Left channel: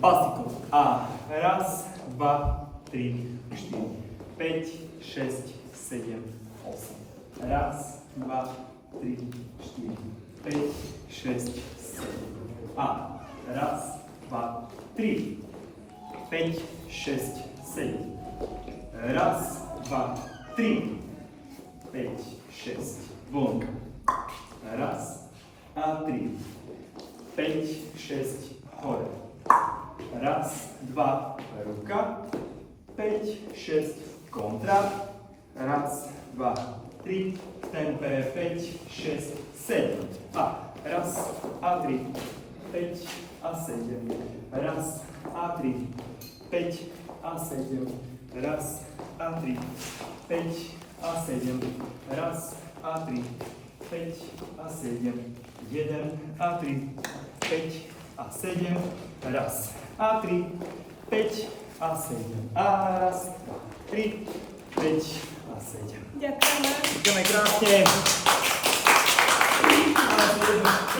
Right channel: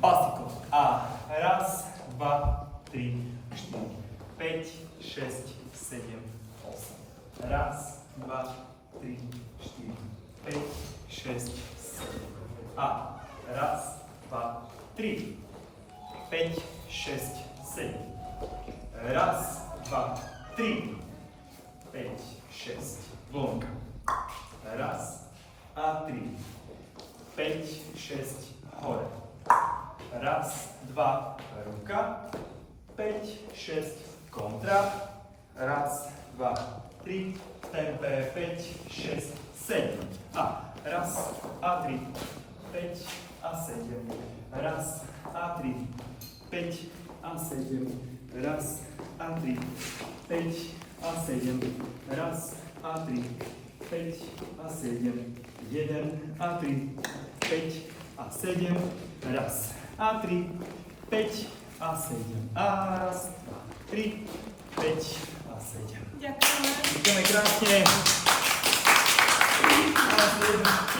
Plastiku. A raz, dva, tri, štyri, 5, 6, 7, 8. Raz, dva, tri, štyri, 5, 6, 7. A raz, dva, tri, 5, 6, 7. Raz, dva, tri, 5, 6. Vonka. Raz a tri. 5, 6, hore. Raz, dva, ruka. 5, 6, kontra. Raz, dva, tri. Tempe 5, 6, 7. A raz a tri. 5 a 7. Raz a tri. 5 a 7. Raz a tri. 5 a 7. Raz a tri. 5 a 7. 1 a 3. 5 a 7. Raz a 3. 5 a 7. A raz, 2, 3. 5 a 7. Ďakujeme. Ďakujeme krásne.